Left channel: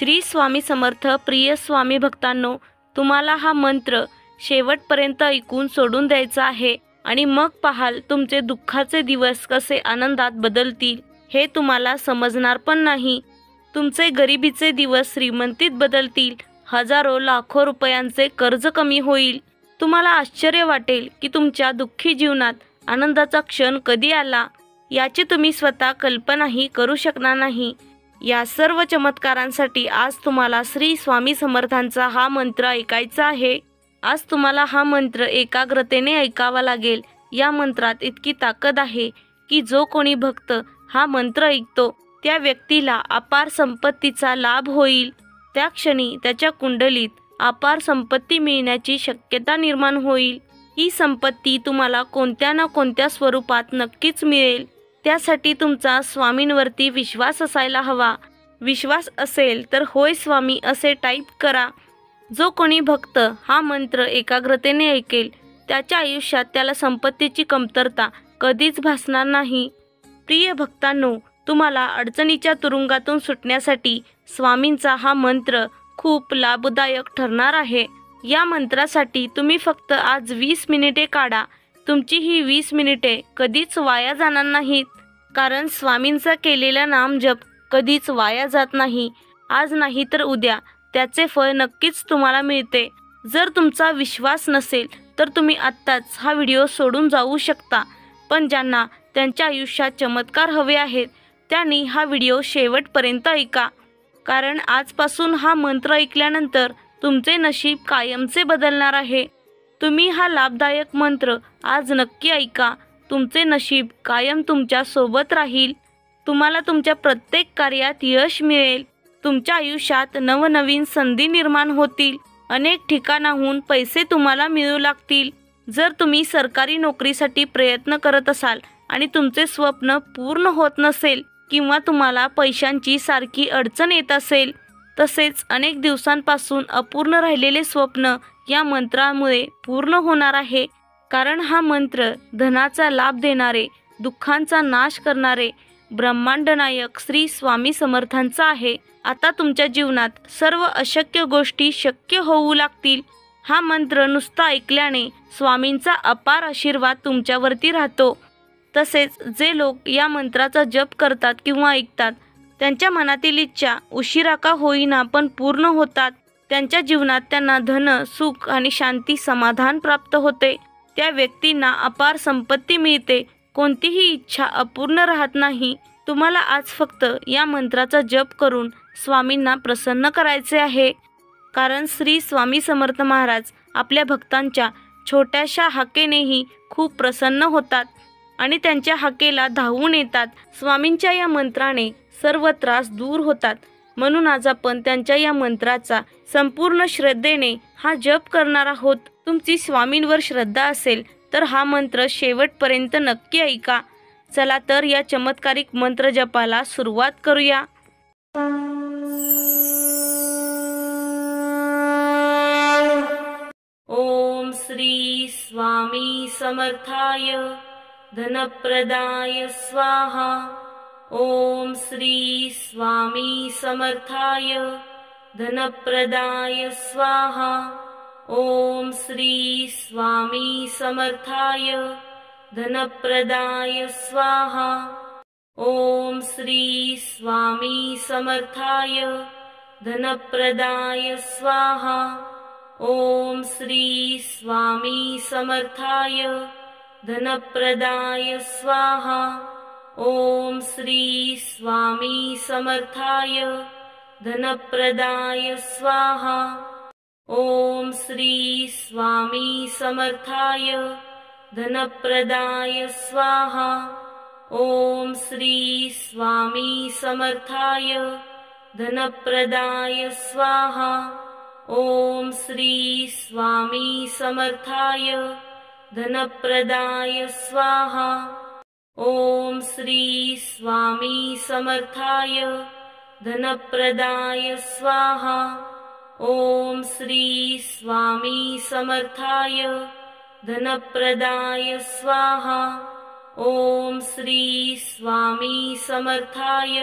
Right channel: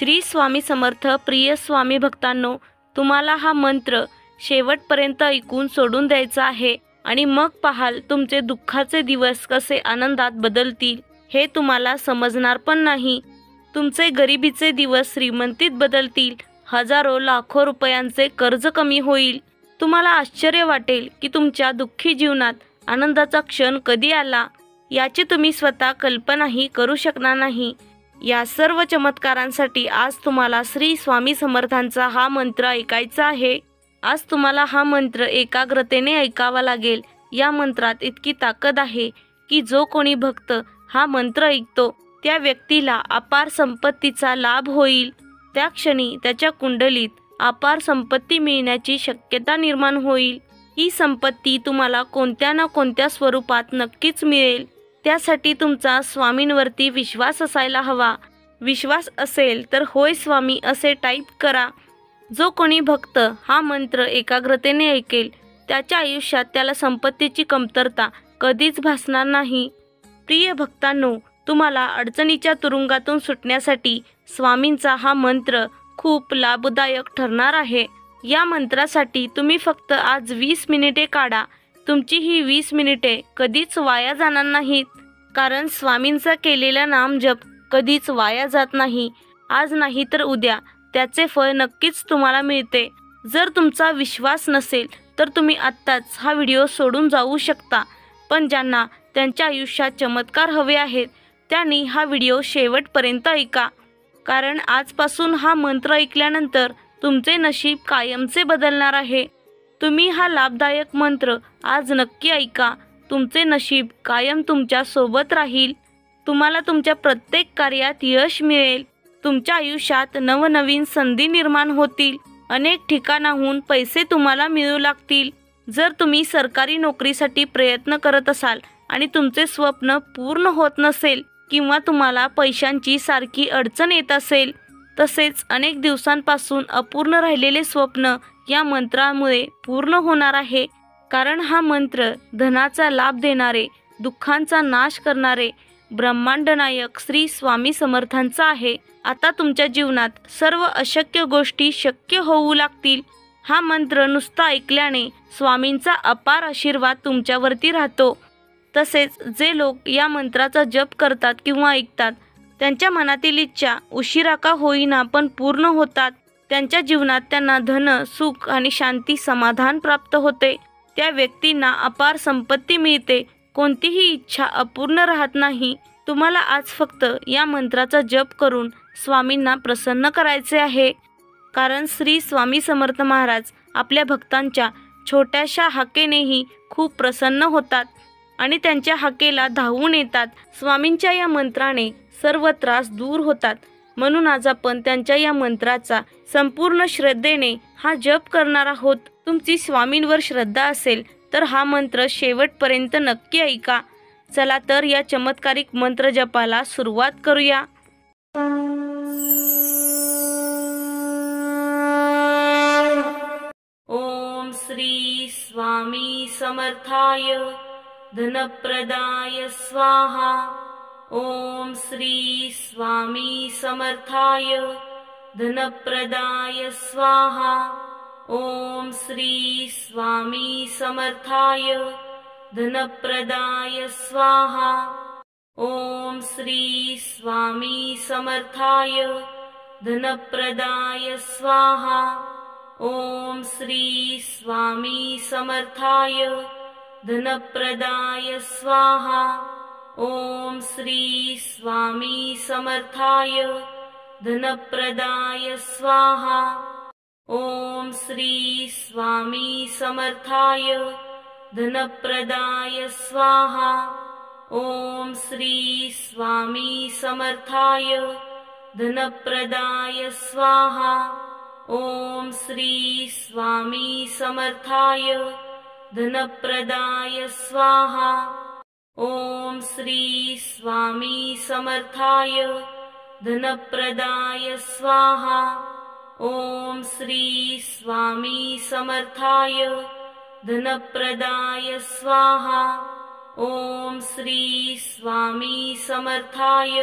श्री स्वामी समर्थ. प्रिय स्वामी भक्तांनो, तुम्हाला हा मंत्र शेवटपर्यंत ऐकून सोडून द्यायचा आहे आणि मग पाहाल तुमचे दुःखाचे दिवस कसे आनंदात बदलतील हे तुम्हाला समजणार पण नाही. तुमचे गरिबीचे दिवस श्रीमंतीत बदलतील. हजारो लाखो रुपयांचे कर्ज कमी होईल. तुम्हाला आश्चर्य वाटेल की तुमच्या दुःखी जीवनात आनंदाचा क्षण कधी आला याची तुम्ही स्वतः कल्पनाही करू शकणार नाही. या सर्व चमत्कारांसाठी आज तुम्हाला श्री स्वामी समर्थांचा हा मंत्र ऐकायचा आहे. आज तुम्हाला हा मंत्र एकाग्रतेने ऐकावा लागेल. या मंत्रात इतकी ताकद आहे की जो कोणी भक्त हा मंत्र ऐकतो त्या व्यक्तीला अपार संपत्तीचा लाभ होईल. त्या क्षणी त्याच्या कुंडलीत अपार संपत्ती मिळण्याची शक्यता निर्माण होईल. ही संपत्ती तुम्हाला कोणत्या ना कोणत्या स्वरूपात नक्कीच मिळेल. त्यासाठी तुमचा स्वामींवरती विश्वास असायला हवा. विश्वास असेल तर होय स्वामी असे टाईप करा. जो कोणी भक्त हा मंत्र एकाग्रतेने ऐकेल त्याच्या आयुष्यात त्याला संपत्तीची कमतरता कधीच भासणार नाही. प्रिय भक्तांनो, तुम्हाला अडचणीच्या तुरुंगातून सुटण्यासाठी स्वामींचा हा मंत्र खूप लाभदायक ठरणार आहे. या मंत्रासाठी तुम्ही फक्त आज 20 मिनिटे काढा. तुमची ही 20 मिनिटे कधीच वाया जाणार नाहीत, कारण स्वामींचा केलेला नामजप कधीच वाया जात नाही. आज नाही तर उद्या त्याचे फळ नक्कीच तुम्हाला मिळते. जर तुमचा विश्वास नसेल तर तुम्ही आत्ताच हा व्हिडिओ सोडून जाऊ शकता. पण ज्यांना त्यांच्या आयुष्यात चमत्कार हवे आहेत त्यांनी हा व्हिडिओ शेवटपर्यंत ऐका, कारण आजपासून हा मंत्र ऐकल्यानंतर तुमचे नशीब कायमचे बदलणार आहे. तुम्ही हा लाभदायक मंत्र आज नक्की ऐका. तुमचे नशीब कायम तुमच्या सोबत राहील. तुम्हाला तुमच्या प्रत्येक कार्यात यश मिळेल. तुमच्या आयुष्यात नवनवीन संधी निर्माण होतील. अनेक ठिकाणाहून पैसे तुम्हाला मिळू लागतील. जर तुम्ही सरकारी नोकरीसाठी प्रयत्न करत असाल आणि तुमचे स्वप्न पूर्ण होत नसेल किंवा तुम्हाला पैशांची सारखी अडचण येत असेल, तसेच अनेक दिवसांपासून अपूर्ण राहिलेले स्वप्न या मंत्रामुळे पूर्ण होणार आहे. कारण हा मंत्र धनाचा लाभ देणारे, दुःखांचा नाश करणारे ब्रह्मांड नायक श्री स्वामी समर्थांचा आहे. आता तुमच्या जीवनात सर्व अशक्य गोष्टी शक्य होऊ लागतील. हा मंत्र नुसता ऐकल्याने स्वामींचा अपार आशीर्वाद तुमच्यावरती राहतो. तसेच जे लोक या मंत्राचा जप करतात किंवा ऐकतात त्यांच्या मनातील इच्छा उशिरा का होईना पण पूर्ण होतात. त्यांच्या जीवनात त्यांना धन, सुख आणि शांती, समाधान प्राप्त होते. त्या व्यक्तींना अपार संपत्ती मिळते. कोणतीही इच्छा अपूर्ण राहत नाही. तुम्हाला आज फक्त या मंत्राचा जप करून स्वामींना प्रसन्न करायचे आहे. कारण श्री स्वामी समर्थ महाराज आपल्या भक्तांच्या छोट्याशा हाकेनेही खूप प्रसन्न होतात आणि त्यांच्या हाकेला धावून येतात. स्वामींच्या या मंत्राने सर्व त्रास दूर होतात. म्हणून आज आपण त्यांच्या या मंत्राचा संपूर्ण श्रद्धेने हा जप करणार आहोत. तुमची स्वामींवर श्रद्धा असेल तर हा मंत्र शेवटपर्यंत नक्की ऐका. चला तर या चमत्कारिक मंत्र जपाला सुरुवात करूया. ओम श्री स्वामी समर्थाय धनप्रदाय स्वाहा. ओम श्री स्वामी समर्थाय धनप्रदाय स्वाहा. ओम श्री स्वामी समर्थाय धनप्रदाय स्वाहा. ओम श्री स्वामी समर्थाय धनप्रदाय स्वाहा. ओम श्री स्वामी समर्थाय धनप्रदाय स्वाहा. ओम श्री स्वामी समर्थाय धनप्रदाय स्वाहा. ओम श्री स्वामी समर्थाय धनप्रदाय स्वाहा. ओम श्री स्वामी समर्थाय धनप्रदाय स्वाहा. ओम श्री स्वामी समर्थाय धनप्रदाय स्वाहा. ओम श्री स्वामी समर्थाय धनप्रदाय स्वाहा. ओम श्री स्वामी समर्थाय धनप्रदाय स्वाहा. ओम श्री स्वामी समर्थाय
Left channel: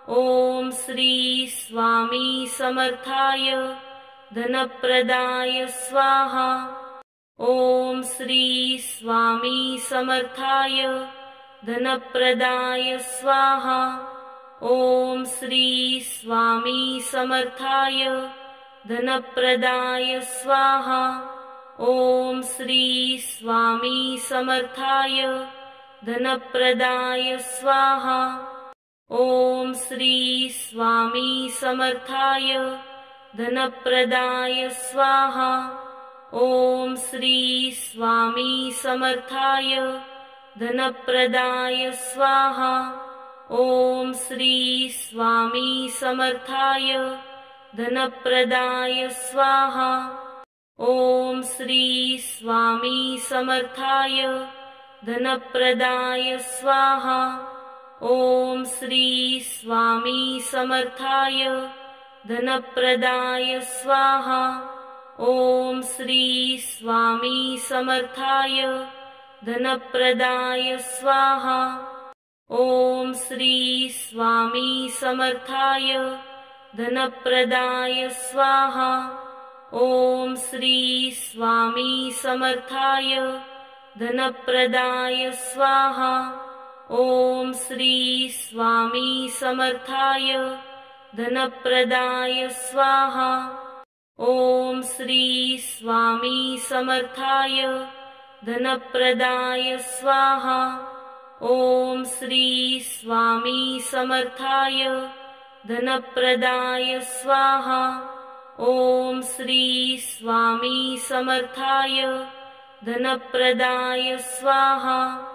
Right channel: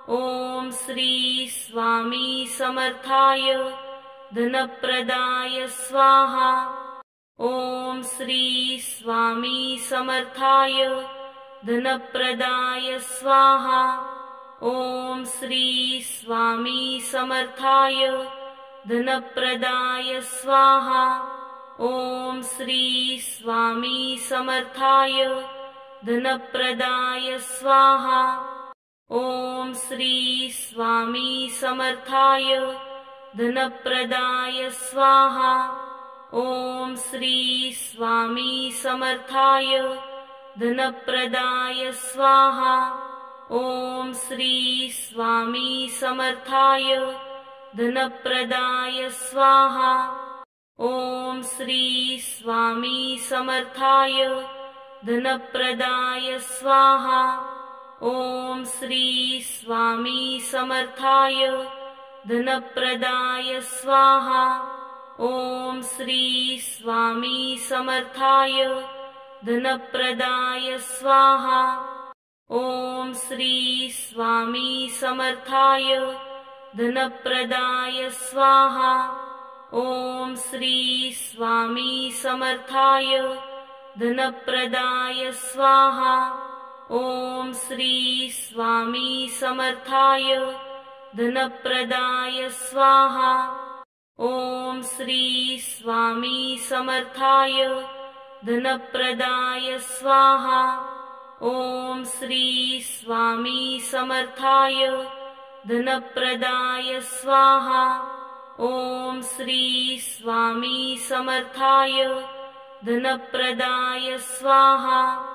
ॐ श्री स्वामी समर्थाय धनप्रदाय स्वाहा। ॐ श्री स्वामी समर्थाय धनप्रदाय स्वाहा। ॐ श्री स्वामी समर्थाय धनप्रदाय स्वाहा। ॐ श्री स्वामी समर्थाय धनप्रदाय स्वाहा। ॐ श्री स्वामी समर्थाय धनप्रदाय स्वाहा। ॐ श्री स्वामी समर्थाय धनप्रदाय स्वाहा। ॐ श्री स्वामी समर्थाय धनप्रदाय स्वाहा। ॐ श्री स्वामी समर्थाय धनप्रदाय स्वाहा। ॐ श्री स्वामी समर्थाय धनप्रदाय स्वाहा। ॐ श्री स्वामी समर्थाय धनप्रदाय स्वाहा। ॐ श्री स्वामी समर्थाय धनप्रदाय स्वाहा। ॐ श्री स्वामी समर्थाय धनप्रदाय स्वाहा। ॐ श्री स्वामी समर्थाय धनप्रदाय स्वाहा। ॐ श्री स्वामी समर्थाय धनप्रदाय स्वाहा। ॐ श्री स्वामी समर्थाय धनप्रदाय स्वाहा। ॐ श्री स्वामी समर्थाय धनप्रदाय स्वाहा।